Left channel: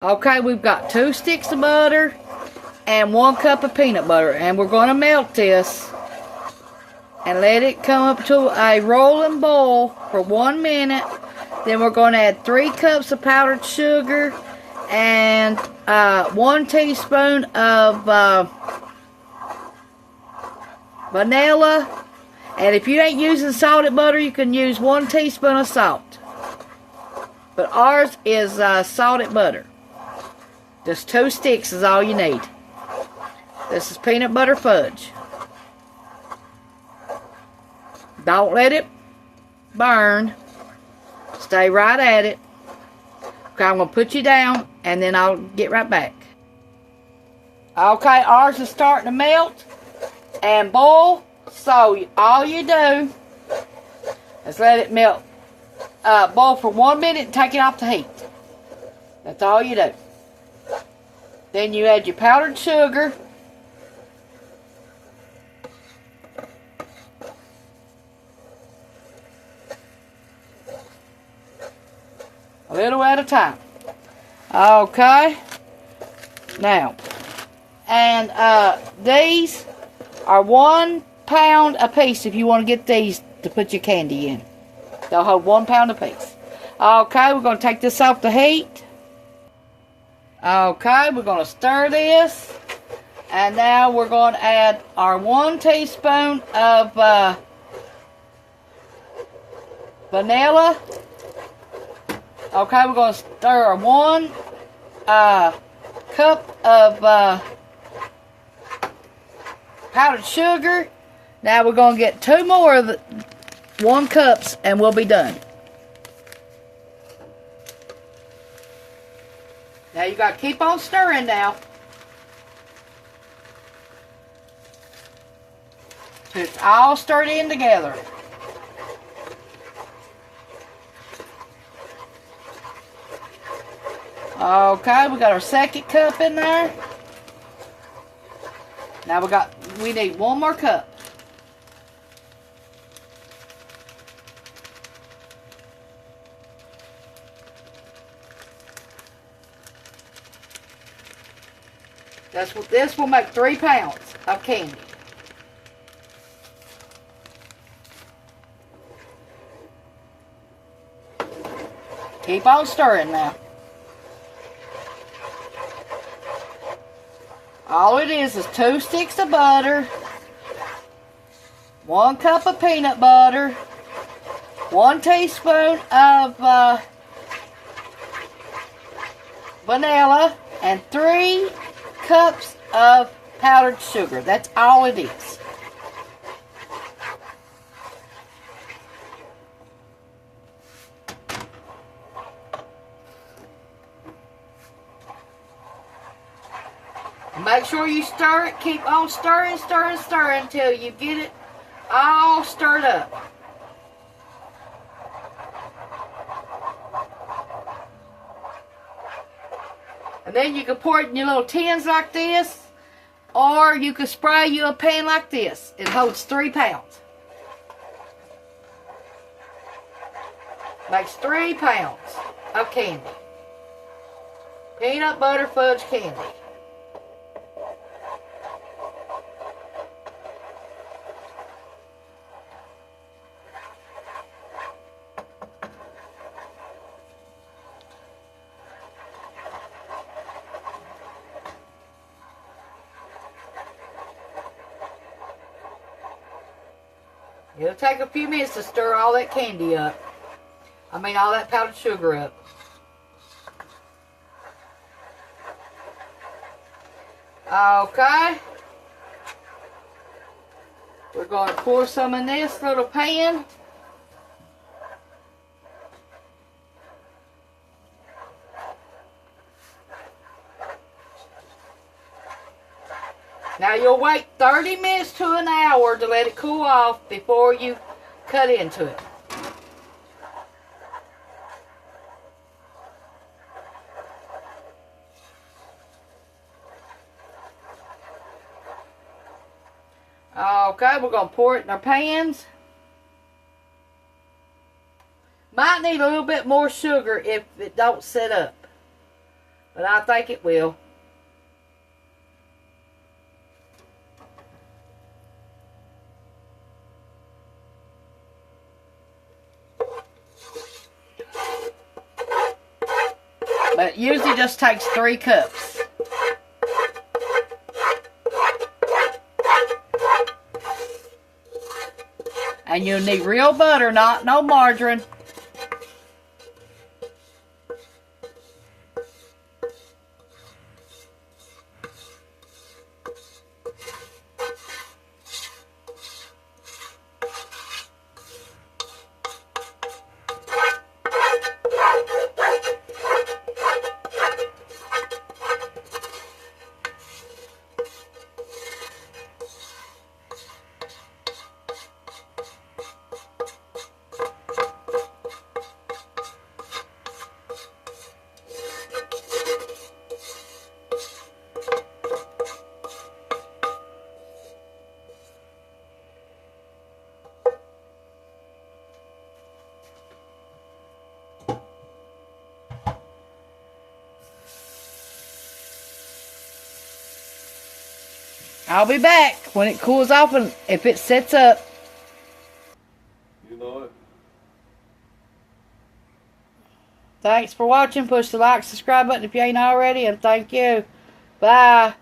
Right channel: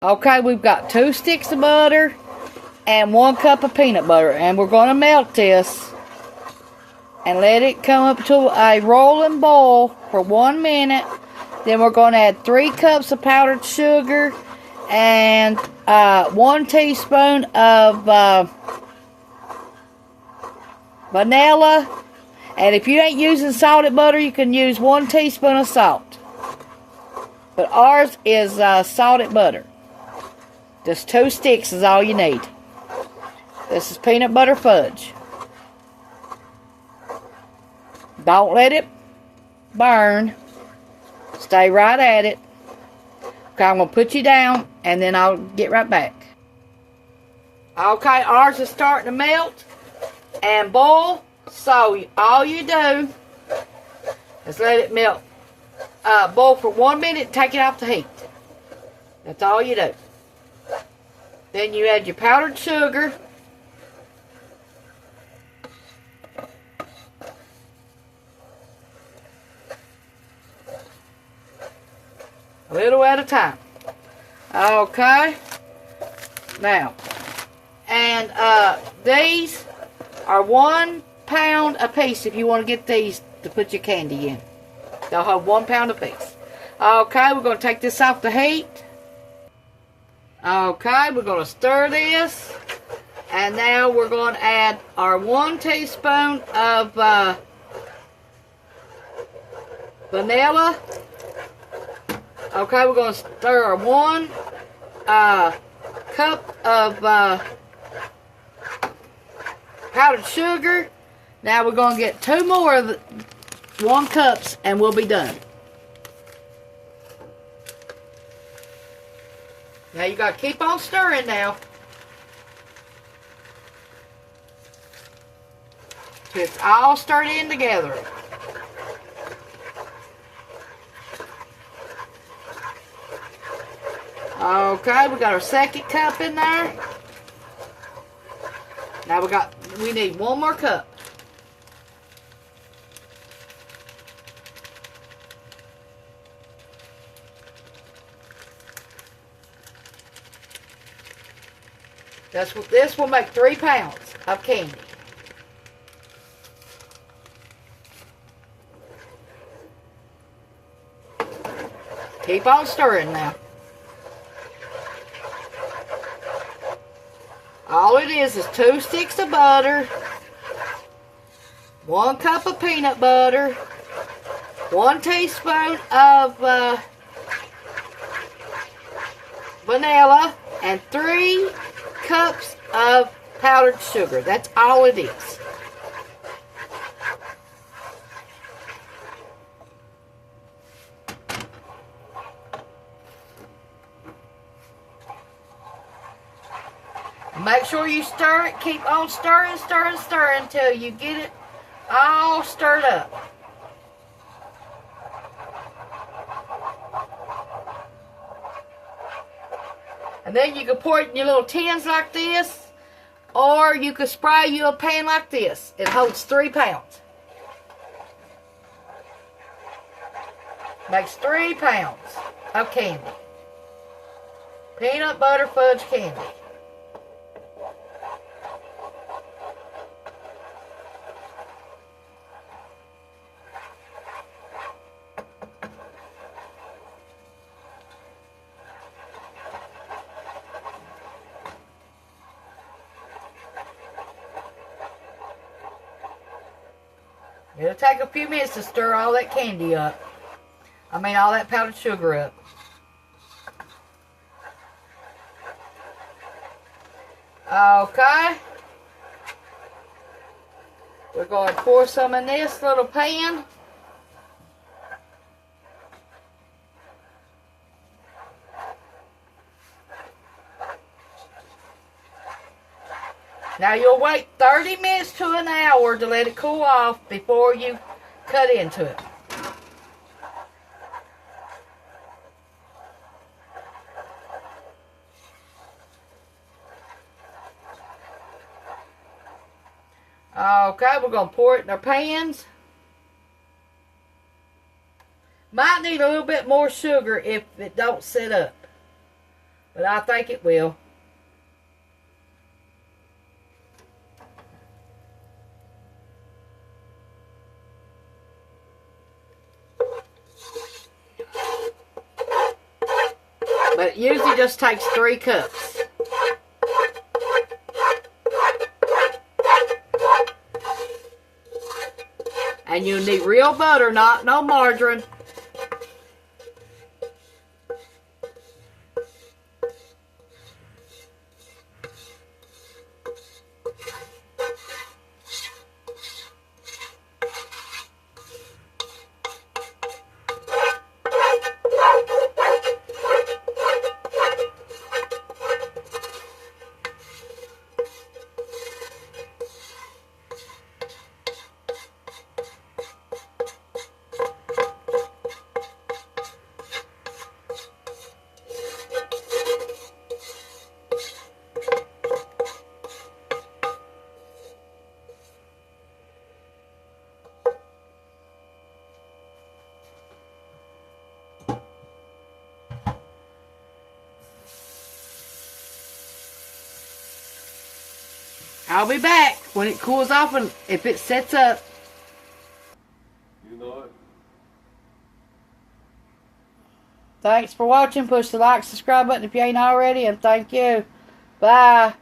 Okay, we've got 2 sticks of butter and 1 cup of peanut butter. And we're going to melt this and let it come up to a rolling boil for 1 minute. Then we're going to add 3 cups of powdered sugar and 1 teaspoon of vanilla. And if you ain't using salted butter, you can use 1 teaspoon of salt. But ours is salted butter. Just 2 sticks is all you need. This is peanut butter fudge. Don't let it burn. Stay right at it. Okay, I'm going to put you down and then I'll get right back. Okay, ours is starting to melt and boil. So all you do is let it melt, boil for 1 minute and take it off the heat. That's all you do. Then you add your powdered sugar. A little at a time. Okay. Now, and these are 1 pound a piece if you want to get these to put your candy in. They'll hold 1 pound a piece. Okay, we're going to take this off the heat. Okay, we're going to stir this. And now we're going to add our 1 teaspoon of vanilla. Okay, we're going to stir our 1 cup of powdered sugar. Now we're going to get 2 more of the 1 cups and we'll be done. Now you got to keep on stirring now. So it's all stirred in together. Okay, we got our 2nd cup in there. Now we need 1 more cup. This will make 3 pounds of candy. Keep on stirring now. All it is 2 sticks of butter, 1 cup of peanut butter, 1 teaspoon of vanilla, and 3 cups of powdered sugar. That's all it is. Make sure you stir it. Keep on stirring, stirring, stirring until you get it all stirred up. And then you can pour it in your little tins like this, or you can spray you a pan like this. It holds 3 pounds. Makes 3 pounds of candy. Peanut butter fudge candy. It'll take a few minutes to stir all that candy up. I mean, all that powdered sugar up. Okay. We're going to pour some in this little pan. Now you'll wait 30 minutes to an hour to let it cool off before you cut into it. Okay, we're going to pour it in our pans. Might need a little bit more sugar if it don't set up. But I think it will. But it usually just takes 3 cups. And you'll need real butter, not no margarine. I'll be back when it cools off and if it sets up. You know it. Thanks for watching. Push the like, subscribe button if you ain't already, and thank you. Bye.